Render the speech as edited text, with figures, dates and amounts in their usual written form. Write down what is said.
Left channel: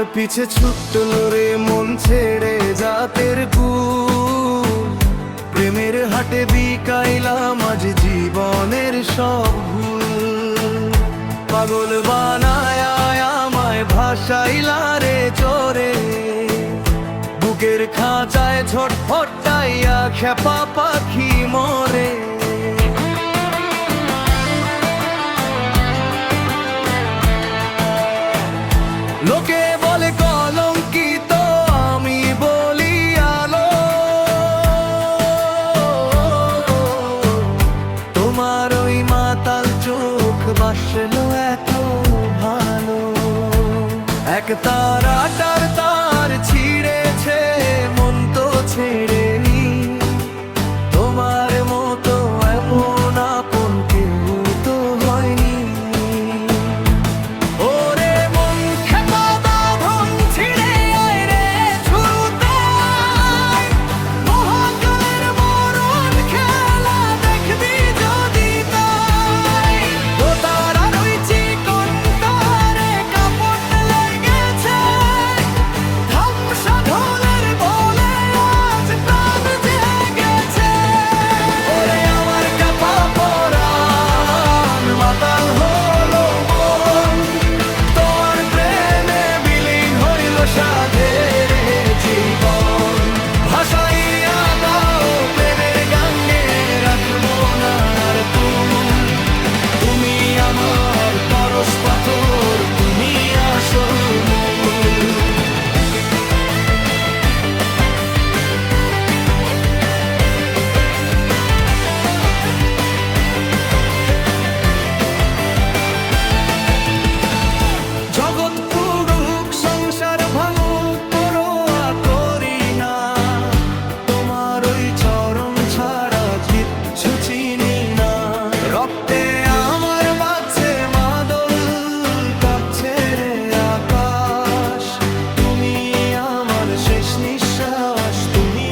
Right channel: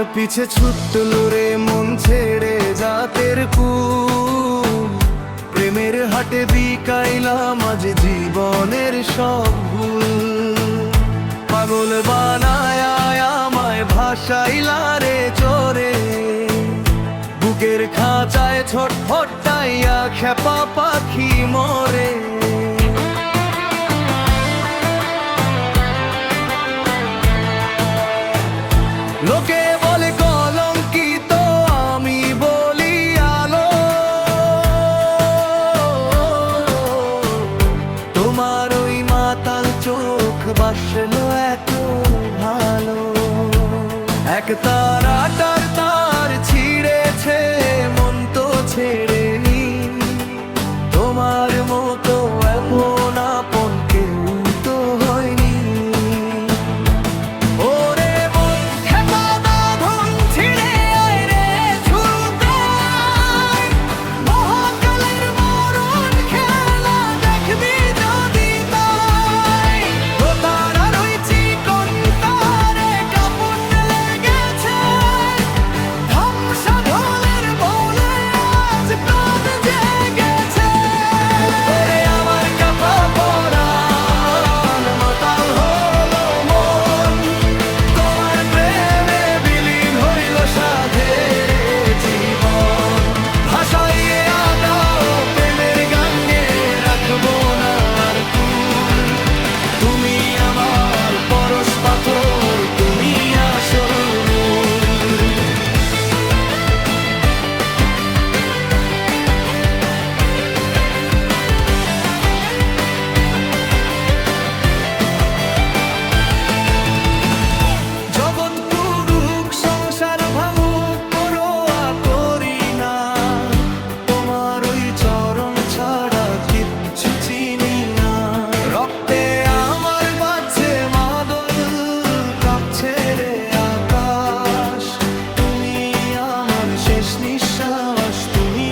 তোমার পিছে ছুটল রে মন ছেড়ে জাতের কুল, প্রেমের হাটে বিকাইলাম আজ জীবনের সব ভুল। পাগল বানায় আমায় ভাসাইলা রে চোরে, বুকের খাঁচায় ছটফটাইয়া খেপা পাখি মরে। লোকে বলে কলঙ্কিত, আমি বলি আলো। তোমার ওই মাতাল চোখ বাসলো এত ভালো। এক তারাটার তার ছিঁড়েছে, মন তো ছেড়েনি। তোমার মতো এমন আপন কেউ তো হয়নি। ওরে মন খেপা বাঁধন ছিঁড়ে আয় রে ছুটে আয়, মহাকালের মরণ খেলা দেখবি যদি তাই। তো তারার ওই চিকন তারে কাপড় লেগেছে, ধামসা ঢোলের বলে আজ প্রাণ জেগেছে। ওরে আমার কাপা পরাণ মাতাল হলো মন, তোমার প্রেমে বিলীন হইল সাধের জীবন। ভাসাইয়া দাও প্রেমের গাঙ্গে, রাখবো না আর কুল। তুমি আমার পরশ পাথর, তুমি আসল মূল। জগৎ পুরুক সংসার ভাঙুক পরোয়া করি না, তোমার ওই চরণ ছাড়া কিচ্ছু চিনি না। রক্তে আমার বাজছে মাদল, কাঁপছে রে আকাশ। তুমি আমার শেষ নিঃশ্বাস, তুমি